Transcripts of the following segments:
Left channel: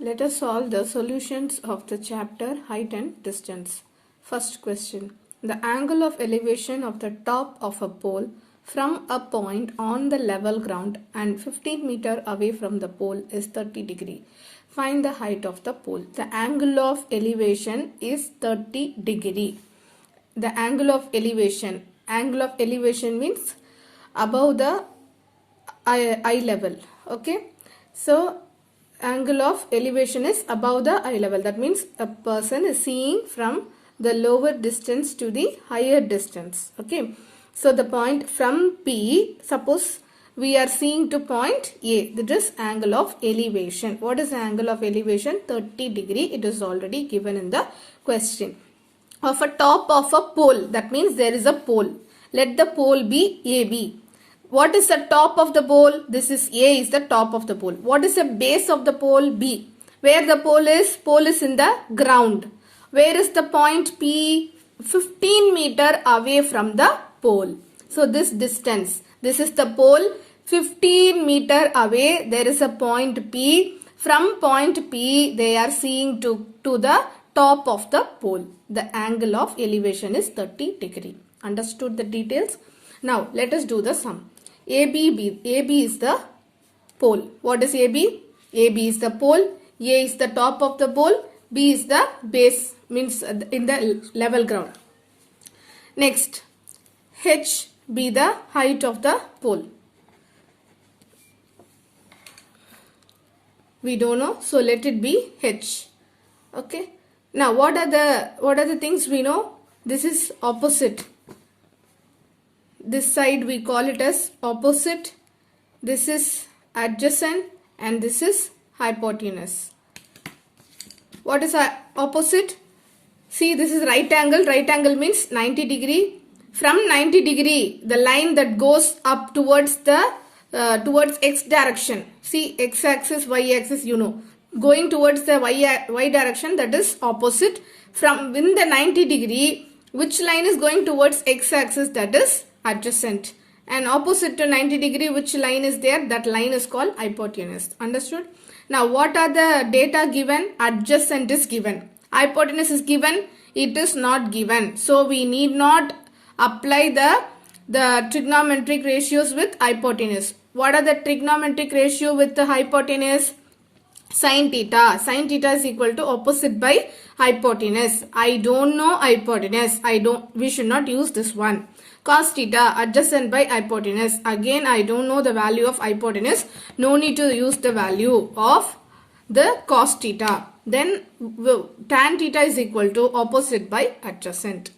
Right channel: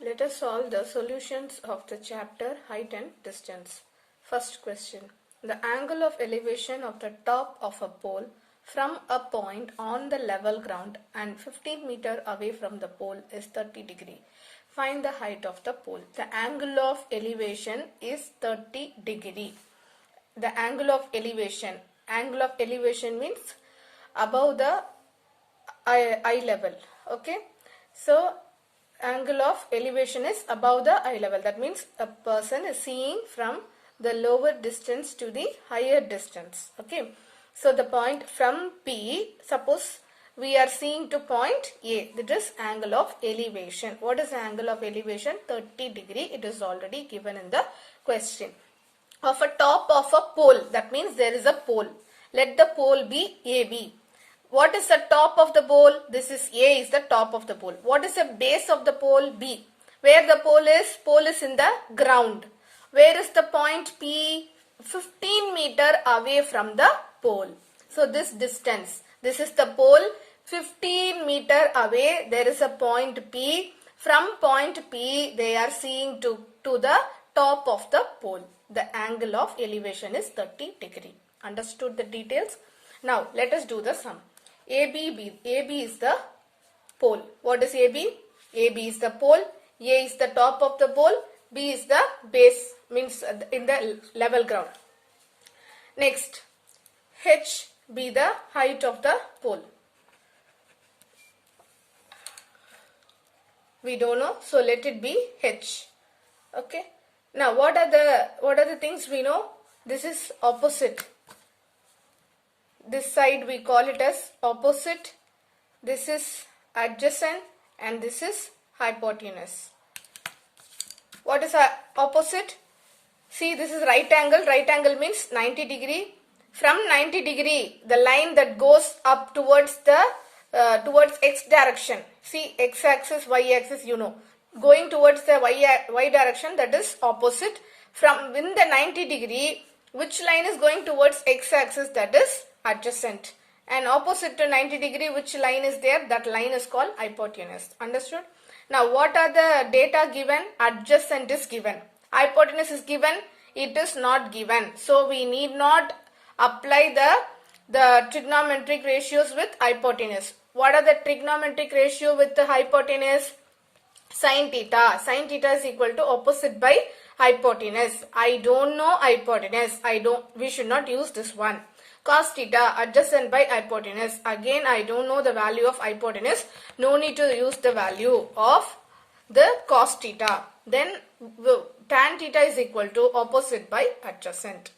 Let us solve the solutions of the chapter height and distance. First question. The angle of elevation of the top of a pole from a point on the level ground and 15 meter away from the pole is 30 degree. Find the height of the pole. The angle of elevation is 30 degree. The angle of elevation. Angle of elevation means above the eye level. Okay. So angle of elevation is above the eye level. That means a person is seeing from the lower distance to the higher distance. Okay. So the point from P, suppose we are seeing to point A. That is angle of elevation. What is the angle of elevation? 30 degree. It is already given in the question. Of a top of a pole. That means there is a pole. Let the pole be AB. What is the top of the pole? This is A is the top of the pole. What is the base of the pole? B. Where the pole is? Pole is in the ground. Where is the point P? 15 meter away from the pole. So this distance. This is the pole. 15 meter away there is a point P. From point P they are seeing to the top of the pole. The angle of elevation is 30 degree. Understood the details? Now let us do the sum. AB is the pole. What is AB? AB is the pole. A is the top of the pole. B is the base, means in the level ground. Next, H be the height of the pole. We don't know, so let it be H. Okay. Now what are the things we know? This is opposite. This side we call it as opposite. This is adjacent and this is hypotenuse. What is opposite? See, this is right angle. Right angle means 90 degree. From 90 degree, the line that goes up towards the towards x direction. See, x axis, y axis, you know. Going towards the y direction, that is opposite. From in the 90 degree, which line is going towards x axis? That is adjacent. And opposite to 90 degree, which line is there? That line is called hypotenuse. Understood? Now what are the data given? Adjacent is given. Hypotenuse is given. It is not given. So we need not apply the trigonometric ratios with hypotenuse. What are the trigonometric ratio with the hypotenuse? Sin theta. Sin theta is equal to opposite by hypotenuse. I don't know hypotenuse. We should not use this one. Cos theta, adjacent by hypotenuse. Again, I don't know the value of hypotenuse. No need to use the value of the cos theta. Then tan theta is equal to opposite by adjacent.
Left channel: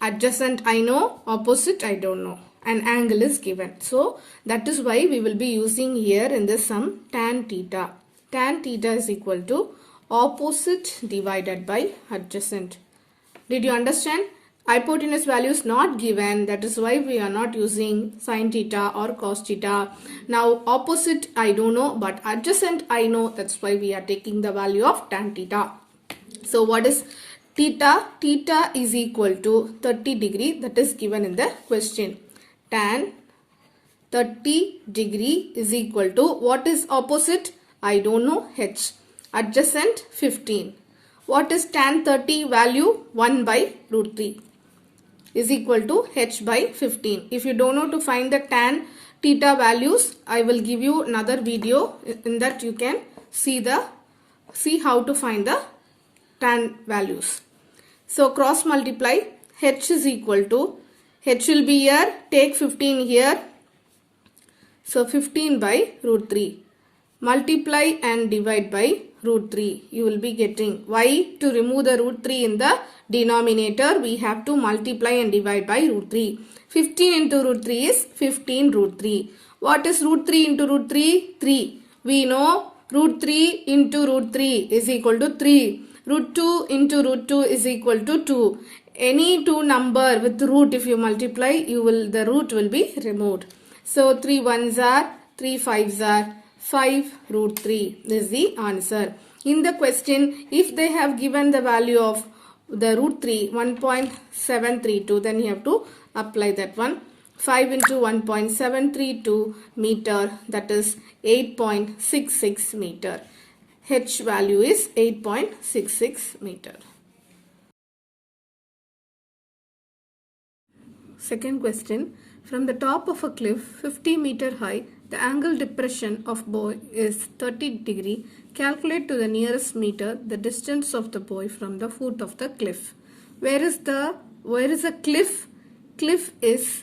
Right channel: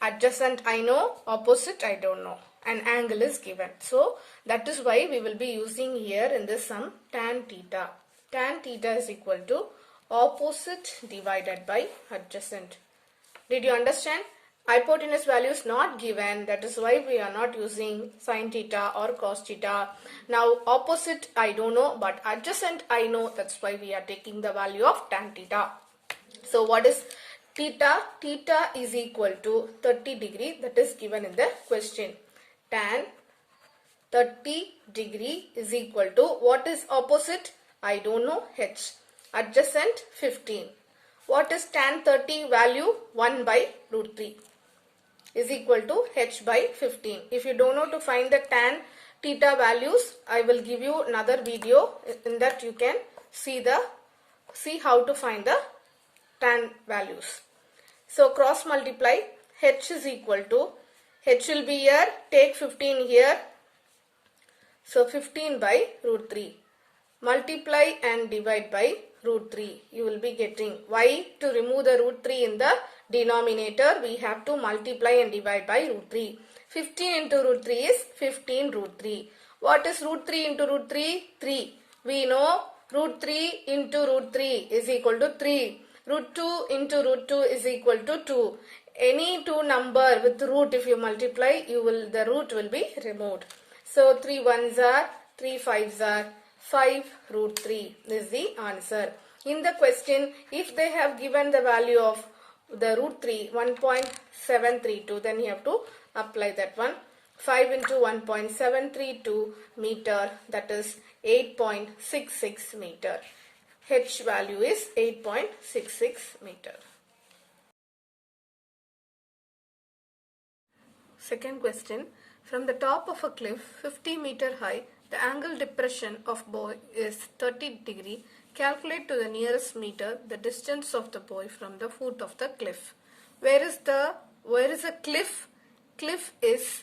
Adjacent I know, opposite I don't know. An angle is given. So that is why we will be using here in this sum tan theta. Tan theta is equal to opposite divided by adjacent. Did you understand? Hypotenuse value is not given. That is why we are not using sin theta or cos theta. Now opposite I don't know, but adjacent I know. That's why we are taking the value of tan theta. So what is theta? Theta is equal to 30 degree. That is given in the question. Tan 30 degree is equal to, what is opposite? I don't know, H. Adjacent 15. What is tan 30 value? 1 by root 3 is equal to H by 15. If you don't know to find the tan theta values, I will give you another video. In that you can see how to find the tan values. So cross multiply. H is equal to, H will be here, take 15 here. So 15 by root 3. Multiply and divide by root 3. You will be getting. Why? To remove the root 3 in the denominator, we have to multiply and divide by root 3. 15 into root 3 is 15 root 3. What is root 3 into root 3? 3. We know root 3 into root 3 is equal to 3. Root 2 into root 2 is equal to 2. Any two number with root, if you multiply, the root will be removed. So 3 ones are, 3 fives are 5 root 3. This is the answer. In the question, if they have given the value of the root 3, 1.732, then you have to apply that one. 5 into 1.732 meter, that is 8.66 meter. H value is 8.66 meter. Second question. From the top of a cliff 50 meter high, the angle depression of boy is 30 degree. Calculate to the nearest meter the distance of the boy from the foot of the cliff. Where is a cliff? Cliff is,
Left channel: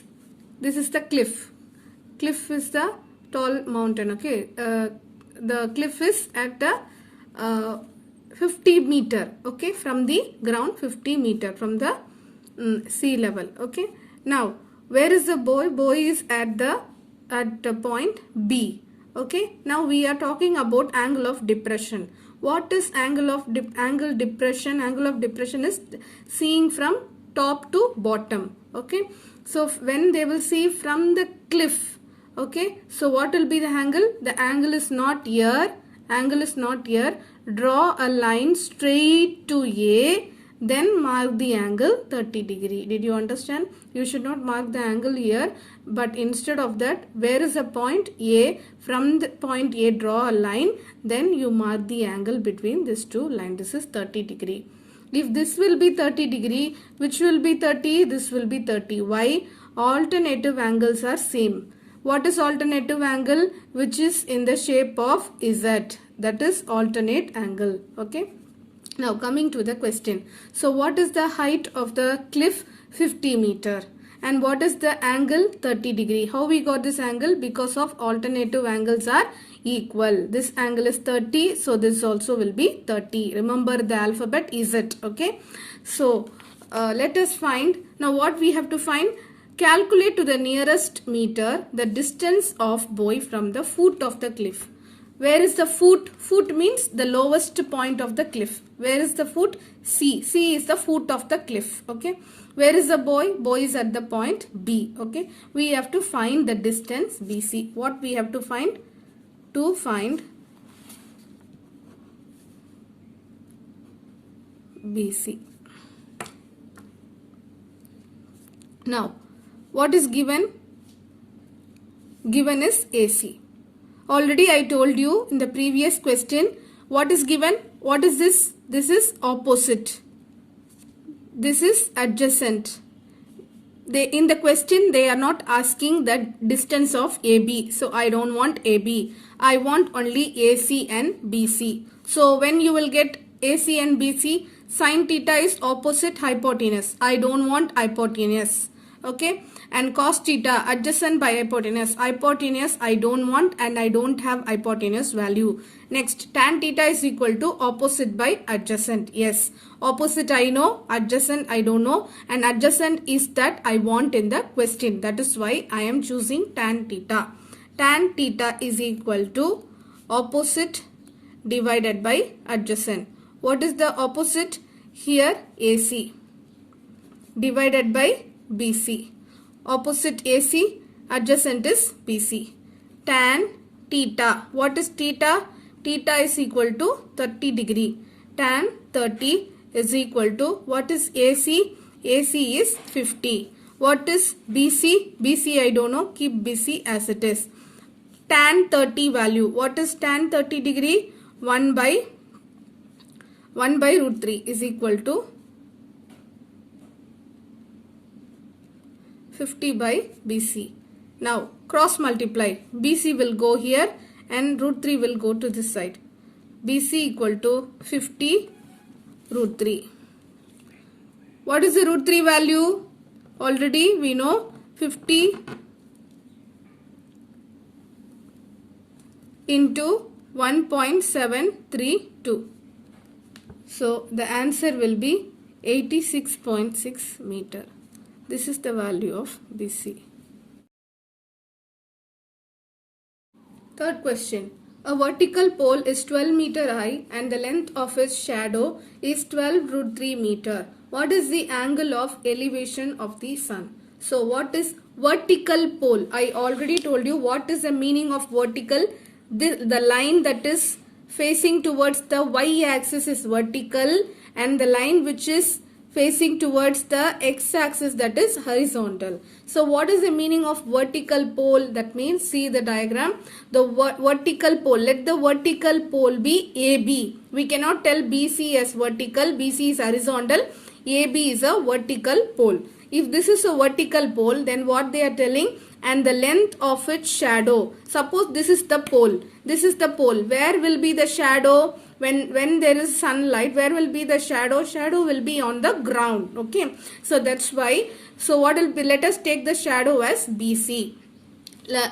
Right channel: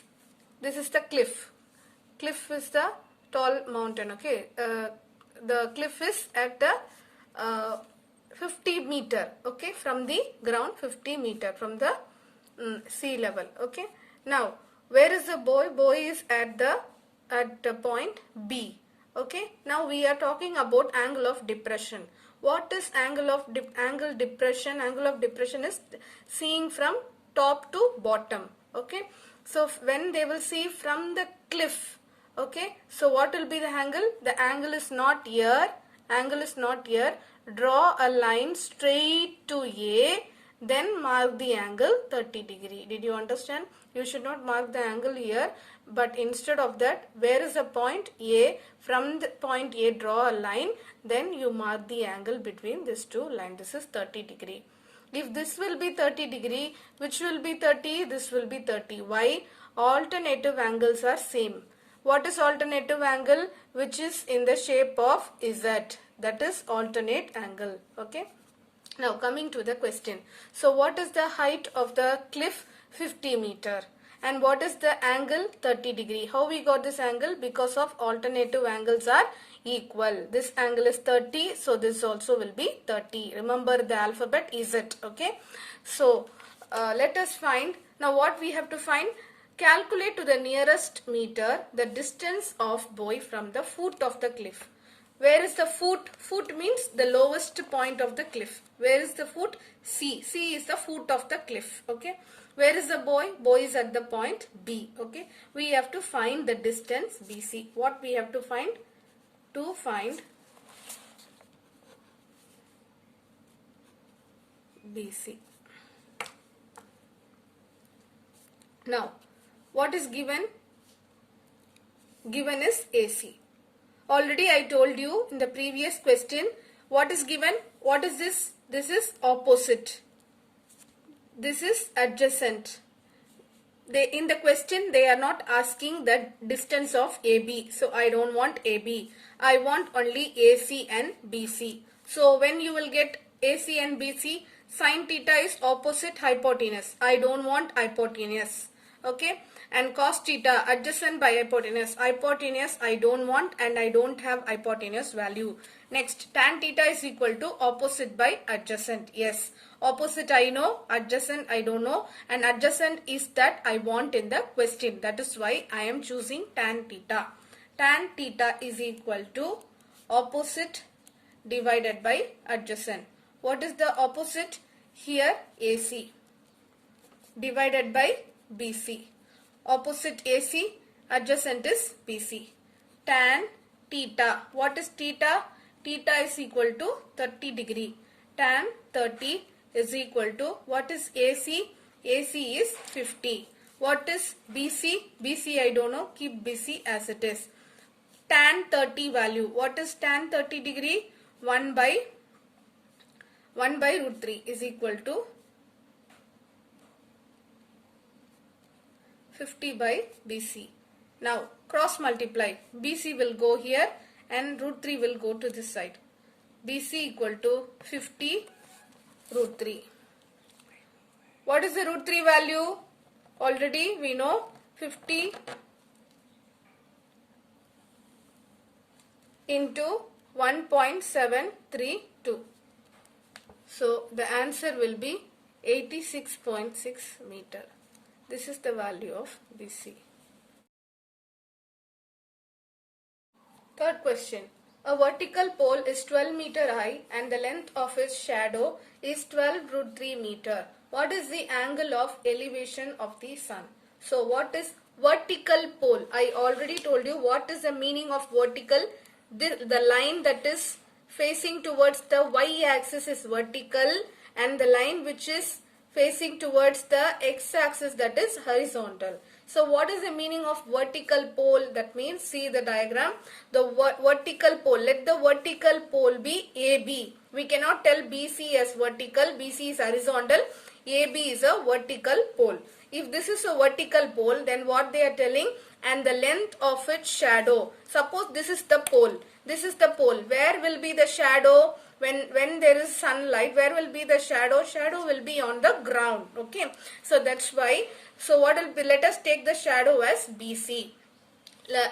this is the cliff. Cliff is the tall mountain, okay. The cliff is at the 50 meter, okay, from the ground, 50 meter from the sea level, okay. Now, where is the boy? Boy is at the point B, okay. Now we are talking about angle of depression. What is angle of depression? Angle of depression is seeing from top to bottom, okay. So when they will see from the cliff, okay, so what will be the angle? The angle is not here. Angle is not here. Draw a line straight to A, then mark the angle 30 degree. Did you understand? You should not mark the angle here, but instead of that, where is the point A? From the point A, draw a line, then you mark the angle between these two lines. This is 30 degree. If this will be 30 degree, which will be 30? This will be 30. Why? Alternative angles are same. What is alternative angle? Which is in the shape of Z. That is alternate angle. Okay. Now coming to the question. So what is the height of the cliff? 50 meter. And what is the angle? 30 degree. How we got this angle? Because of alternative angles are equal. This angle is 30. So this also will be 30. Remember the alphabet Z. Okay. So let us find. Now what we have to find? Calculate to the nearest meter the distance of boy from the foot of the cliff. Where is the foot? Foot means the lowest point of the cliff. Where is the foot? C. C is the foot of the cliff. Okay. Where is the boy? Boy is at the point B. Okay. We have to find the distance BC. What we have to find? To find BC. Now, what is given? Given is AC. Already I told you in the previous question what is given. What is this? This is opposite. This is adjacent. In the question they are not asking the distance of AB. So I don't want AB. I want only AC and BC. So when you will get AC and BC, sin theta is opposite hypotenuse. I don't want hypotenuse. Okay. And cos theta adjacent by hypotenuse. Hypotenuse I don't want and I don't have hypotenuse value. Next, tan theta is equal to opposite by adjacent. Yes, opposite I know, adjacent I don't know, and adjacent is that I want in the question. That is why I am choosing tan theta. Tan theta is equal to opposite divided by adjacent. What is the opposite? Here AC divided by BC. Opposite AC, adjacent is BC. Tan theta. What is theta? Theta is equal to 30 degree. Tan 30 is equal to, what is AC? AC is 50. What is BC? BC I don't know. Keep BC as it is. Tan 30 value. What is tan 30 degree? 1 by root 3 is equal to 50 by BC. Now cross multiply. BC will go here and root 3 will go to this side. BC equal to 50 root 3. What is the root 3 value? Already we know 50 into 1.732. So the answer will be 86.6 meter. This is the value of BC. Third question. A vertical pole is 12 meter high and the length of its shadow is 12 root 3 meter. What is the angle of elevation of the sun? So what is vertical pole? I already told you what is the meaning of vertical. The line that is facing towards the y axis is vertical and the line which is facing towards the x-axis, that is horizontal. So what is the meaning of vertical pole? That means, see the diagram, the vertical pole, let the vertical pole be AB. We cannot tell BC as vertical, BC is horizontal, AB is a vertical pole. If this is a vertical pole, then what they are telling, and the length of its shadow. Suppose this is the pole, this is the pole. Where will be the shadow? When there is sunlight, where will be the shadow? Shadow will be on the ground. Okay, so that's why. So what will be? Let us take the shadow as BC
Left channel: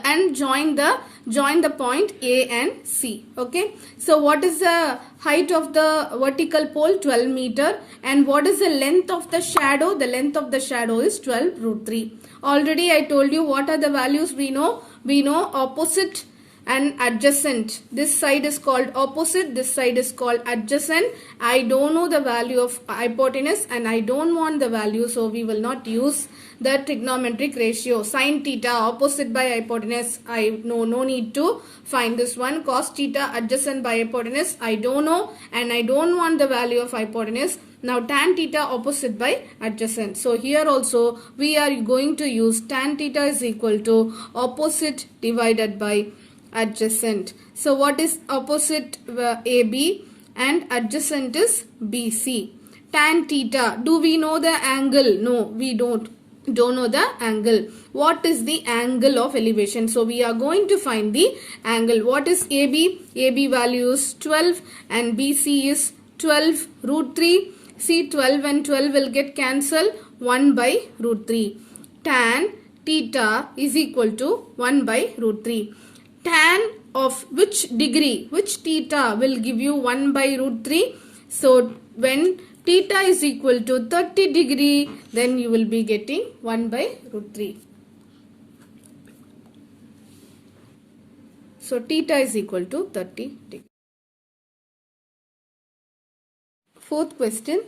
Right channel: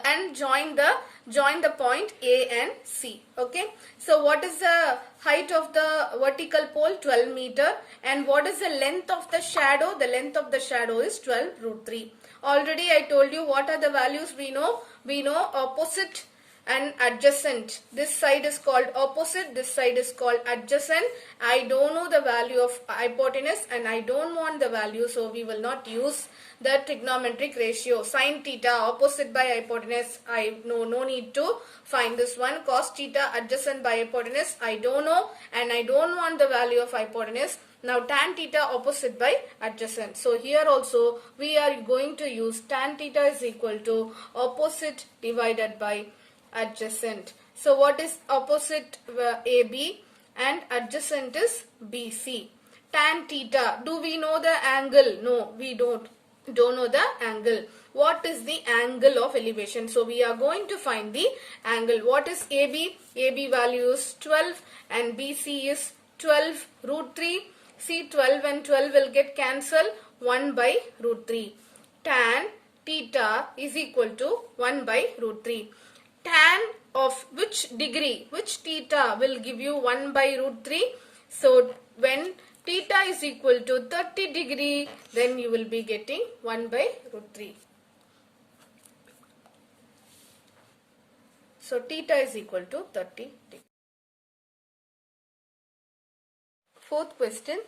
and join the point A and C. Okay, so what is the height of the vertical pole? 12 meter. And what is the length of the shadow? The length of the shadow is 12 root 3. Already I told you what are the values we know. We know opposite and adjacent. This side is called opposite, this side is called adjacent. I don't know the value of hypotenuse and I don't want the value, so we will not use the trigonometric ratio. Sin theta opposite by hypotenuse, I know, no need to find this one. Cos theta adjacent by hypotenuse, I don't know and I don't want the value of hypotenuse. Now tan theta opposite by adjacent. So here also we are going to use tan theta is equal to opposite divided by adjacent. So what is opposite? AB and adjacent is BC. Tan theta, do we know the angle? No, we don't know the angle. What is the angle of elevation? So we are going to find the angle. What is AB? AB value is 12 and BC is 12 root 3. See, 12 and 12 will get cancelled, 1 by root 3. Tan theta is equal to 1 by root 3. Tan of which degree? Which theta will give you 1 by root 3? So when theta is equal to 30 degree, then you will be getting 1 by root 3. So theta is equal to 30 degree. Fourth question.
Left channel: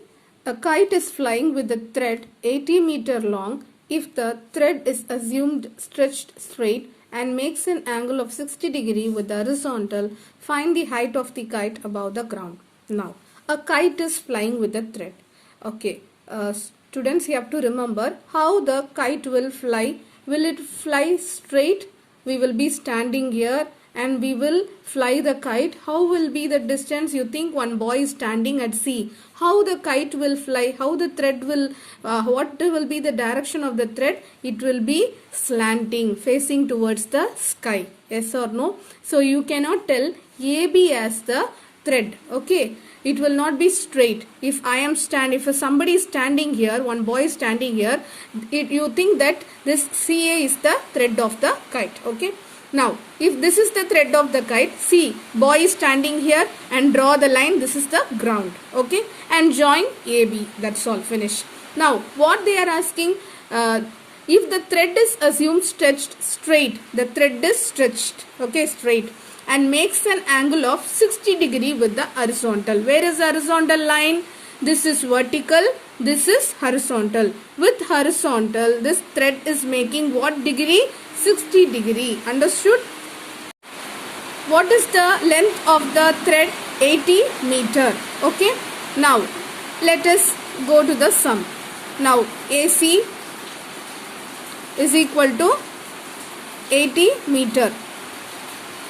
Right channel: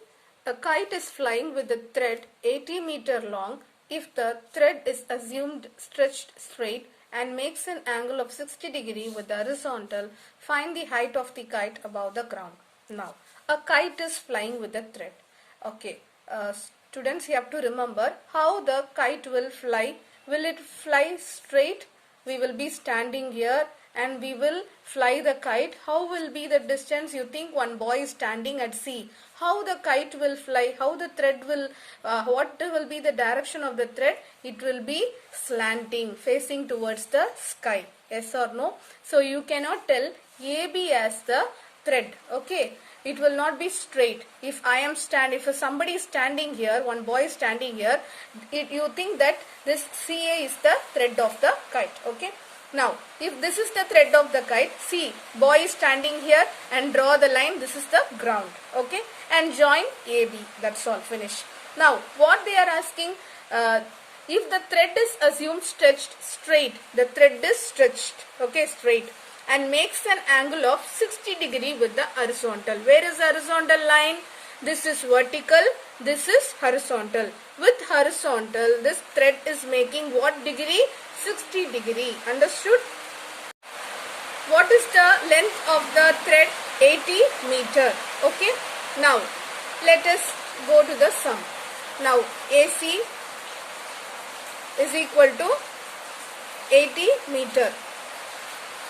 A kite is flying with a thread 80 meter long. If the thread is assumed stretched straight and makes an angle of 60 degree with the horizontal, find the height of the kite above the ground. Now, a kite is flying with a thread. Okay, students, you have to remember how the kite will fly. Will it fly straight? We will be standing here and we will fly the kite. How will be the distance? You think one boy is standing at sea. How the kite will fly? How the thread will, what will be the direction of the thread? It will be slanting, facing towards the sky. Yes or no? So you cannot tell AB as the thread. Okay. It will not be straight. If somebody is standing here, one boy is standing here, you think that this CA is the thread of the kite. Okay. Now, if this is the thread of the kite, see, boy is standing here and draw the line. This is the ground. Okay. And join AB. That's all. Finish. Now, what they are asking, if the thread is assumed stretched straight, the thread is stretched. Okay, straight. And makes an angle of 60 degree with the horizontal. Where is the horizontal line? This is vertical. This is horizontal. With horizontal, this thread is making what degree? 60 degree. Understood? What is the length of the thread? 80 meter. Okay. Now, let us go to the sum. Now, AC is equal to 80 meter.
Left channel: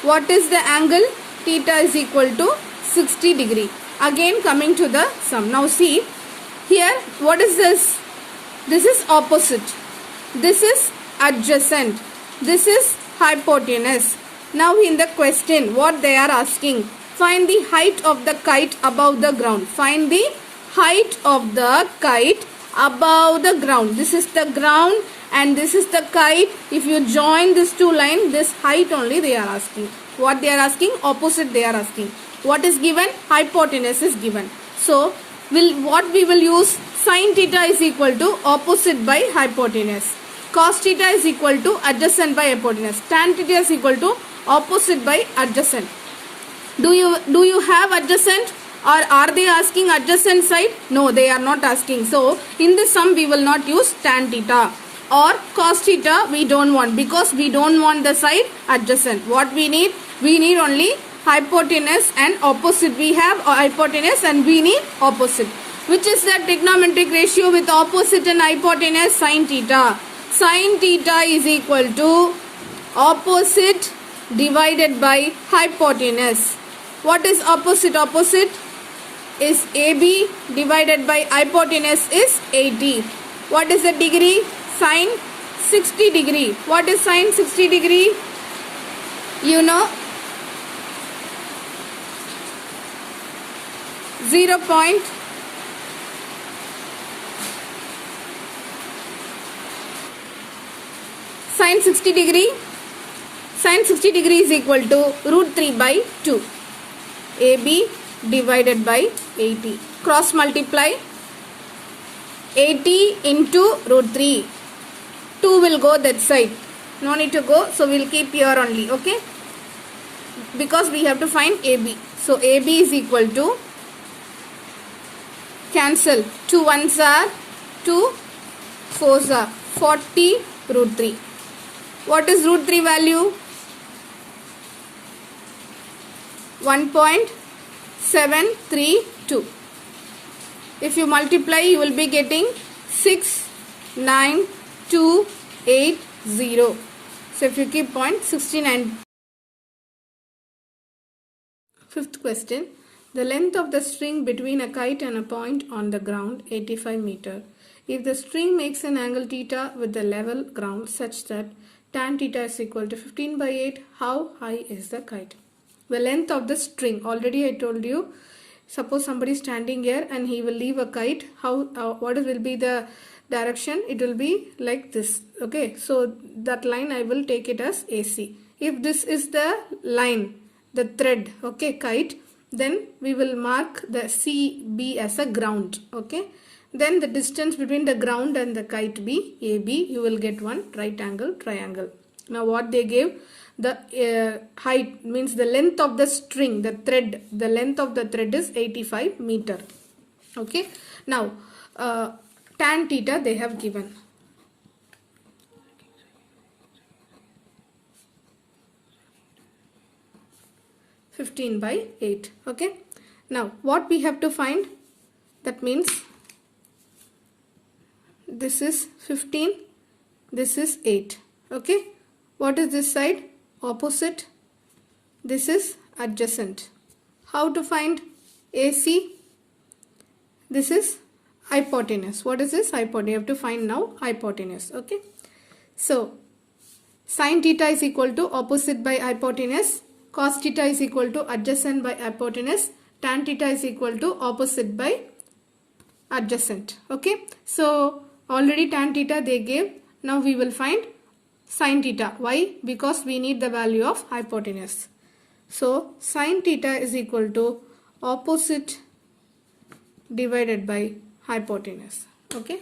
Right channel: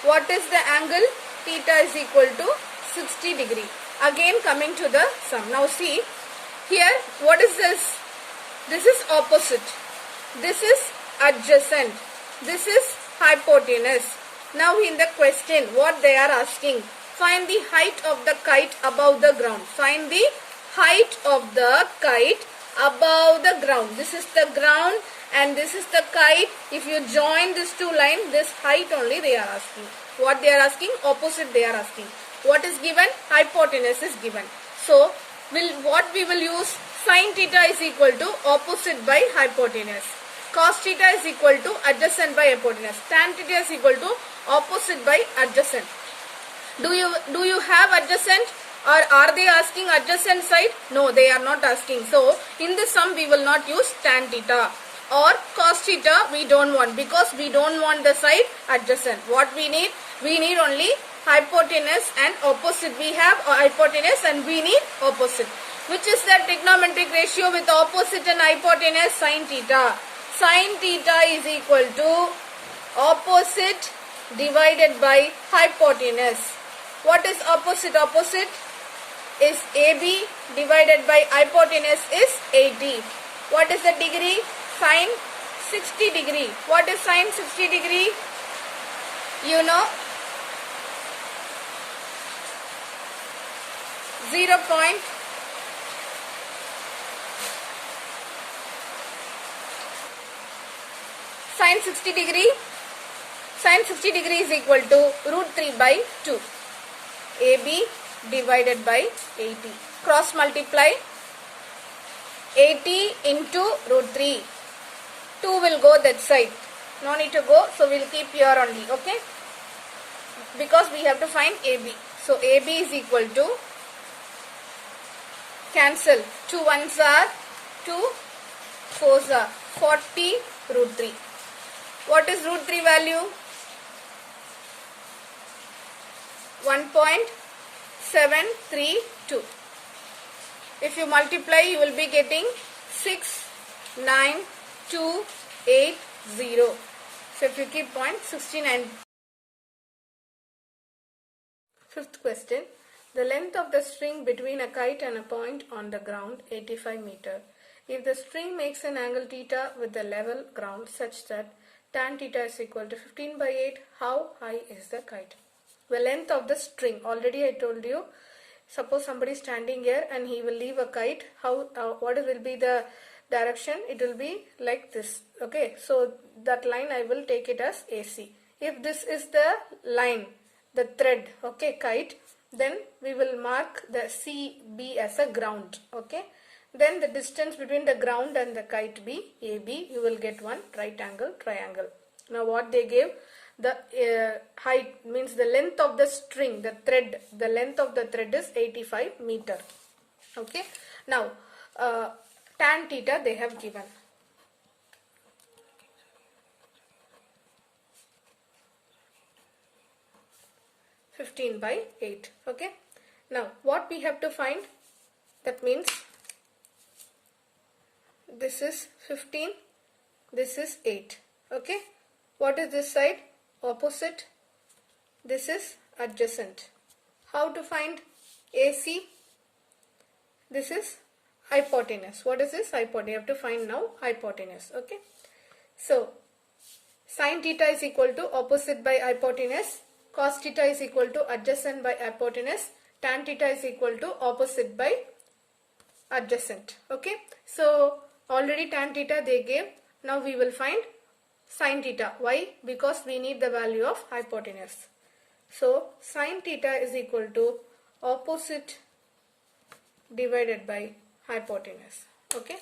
What is the angle? Theta is equal to 60 degree. Again coming to the sum. Now see, here what is this? This is opposite. This is adjacent. This is hypotenuse. Now in the question, what they are asking? Find the height of the kite above the ground. Find the height of the kite above the ground. This is the ground and this is the kite. If you join these two lines, this height only they are asking. What they are asking? Opposite they are asking. What is given? Hypotenuse is given. So, what we will use? Sin theta is equal to opposite by hypotenuse. Cos theta is equal to adjacent by hypotenuse. Tan theta is equal to opposite by adjacent. Do you have adjacent? Or are they asking adjacent side? No, they are not asking. So, in this sum we will not use tan theta. Or cos theta we don't want, because we don't want the side adjacent. What we need? We need only hypotenuse and opposite. We have hypotenuse and we need opposite. Which is the trigonometric ratio with opposite and hypotenuse? Sin theta. Sin theta is equal to opposite divided by hypotenuse. What is opposite? Opposite is AB divided by hypotenuse is 80. What is the degree? Sin 60 degree. What is sin 60 degree? You know, 0. Sin 60 degree. Sin 60 degree is equal to root 3 by 2. AB divided by 80. Cross multiply. 80 into root 3. 2 will go that side. No need to go. So we will keep here only. Okay. Because we have to find AB. So AB is equal to, cancel. 2 ones are 2 4s are 40 root 3. What is root 3 value? 1.732. If you multiply, you will be getting 69280. So if you keep point 69. Fifth question. The length of the string between a kite and a point on the ground 85 meter. If the string makes an angle theta with the level ground such that tan theta is equal to 15 by 8, how high is the kite? The length of the string, already I told you, suppose somebody is standing here and he will leave a kite, what will be the direction? It will be like this. Okay, so that line I will take it as AC. If this is the line, the thread, okay, kite, then we will mark the CB as a ground. Okay, then the distance between the ground and the kite be AB. You will get one right angle triangle. Now what they gave, the height means the length of the string, the thread, the length of the thread is 85 meter. Okay, now tan theta they have given. (15 by 8). Okay, now what we have to find? That means this is 15, this is 8. Okay, what is this side? Opposite. This is adjacent. How to find AC? This is hypotenuse. What is this? Hypotenuse. You have to find now hypotenuse. Okay, so sin theta is equal to opposite by hypotenuse. Cos theta is equal to adjacent by hypotenuse. Tan theta is equal to opposite by adjacent. Okay, so already tan theta they gave. Now we will find sin theta. Why? Because we need the value of hypotenuse. So sin theta is equal to opposite divided by hypotenuse. Okay,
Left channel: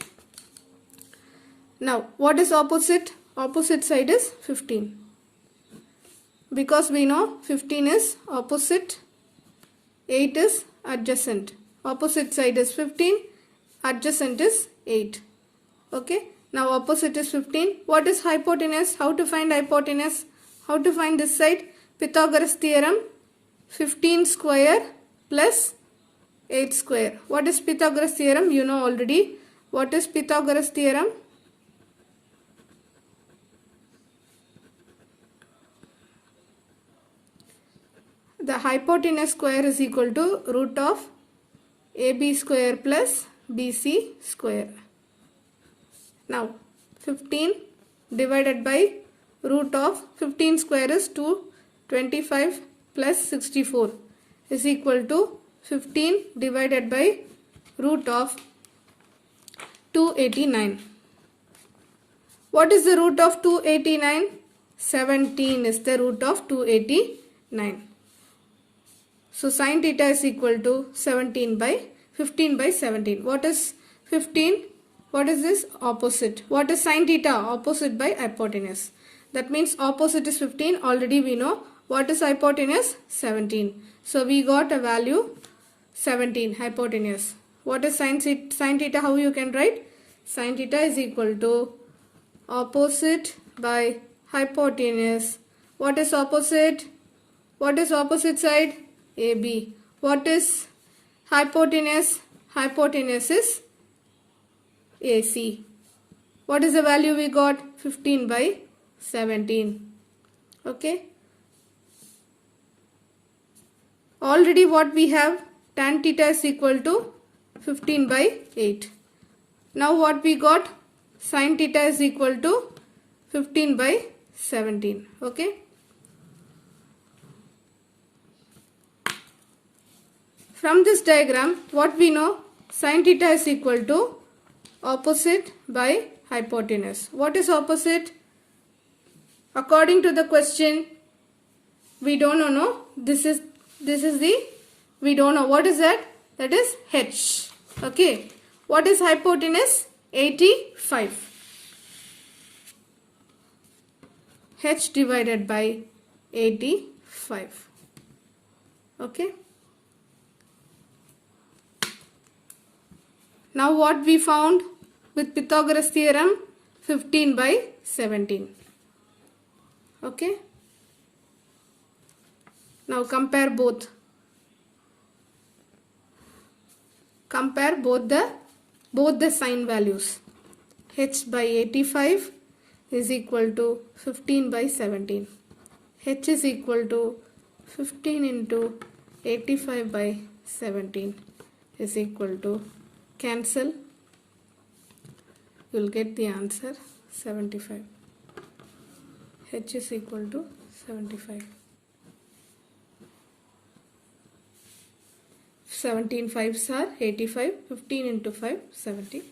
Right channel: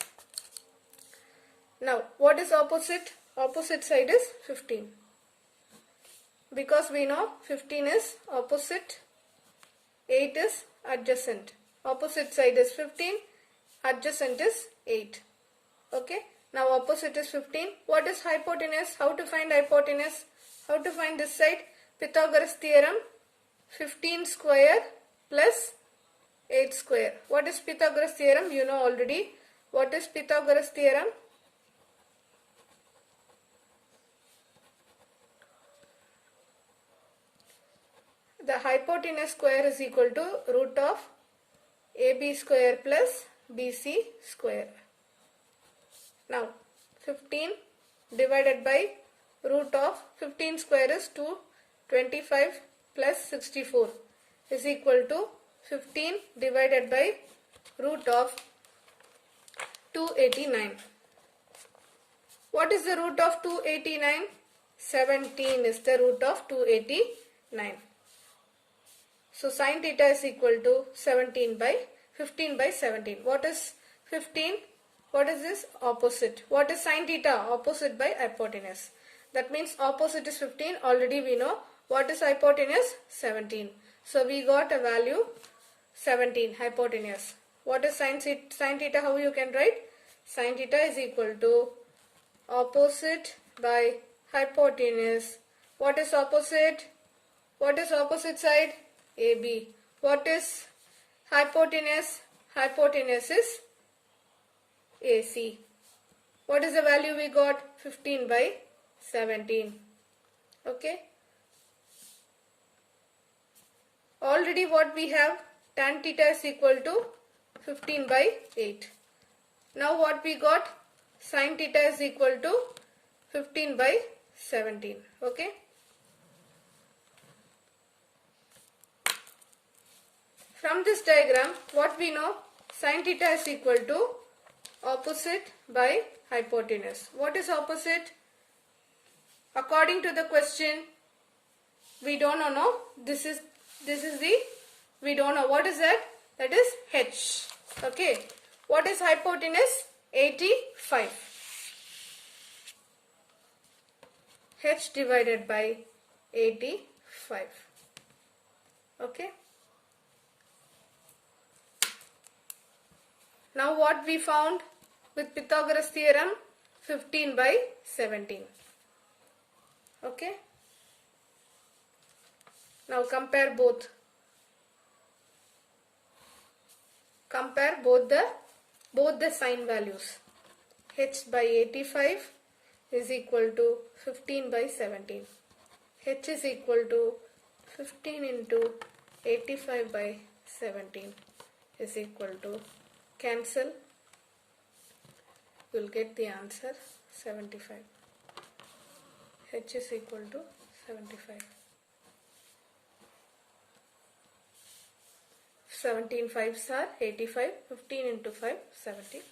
now what is opposite? Opposite side is 15. Because we know 15 is opposite, 8 is adjacent. Opposite side is 15, adjacent is 8. Okay, now opposite is 15. What is hypotenuse? How to find hypotenuse? How to find this side? Pythagoras theorem, 15 square plus 8 square. What is Pythagoras theorem? You know already. What is Pythagoras theorem? The hypotenuse square is equal to root of AB square plus BC square. Now 15 divided by root of 15 square is 225 plus 64 is equal to 15 divided by root of 289. What is the root of 289? 17 is the root of 289. So sin theta is equal to 15 by 17. What is 15? What is this? Opposite. What is sin theta? Opposite by hypotenuse. That means opposite is 15. Already we know. What is hypotenuse? 17. So we got a value 17 hypotenuse. What is sin theta? How you can write? Sin theta is equal to opposite by hypotenuse. What is opposite? What is opposite side? AB. What is hypotenuse? hypotenuse is AC. What is the value we got? 15 by 17. Okay. Already what we have? Tan theta is equal to 15 by 8. Now what we got? Sin theta is equal to 15 by 17. Okay. From this diagram, what we know? Sin theta is equal to opposite by hypotenuse. What is opposite? According to the question, we don't know. This is the, we don't know. What is that? That is h. Okay. What is hypotenuse? 85. H divided by 85. Okay. Now what we found with Pythagoras theorem? 15 by 17. Okay. Now compare both. Compare both the sign values. H by 85 is equal to 15 by 17. H is equal to 15 into 85 by 17 is equal to, cancel, you will get the answer 75. H is equal to 75. 17 5s are 85. 15 into 5, 75.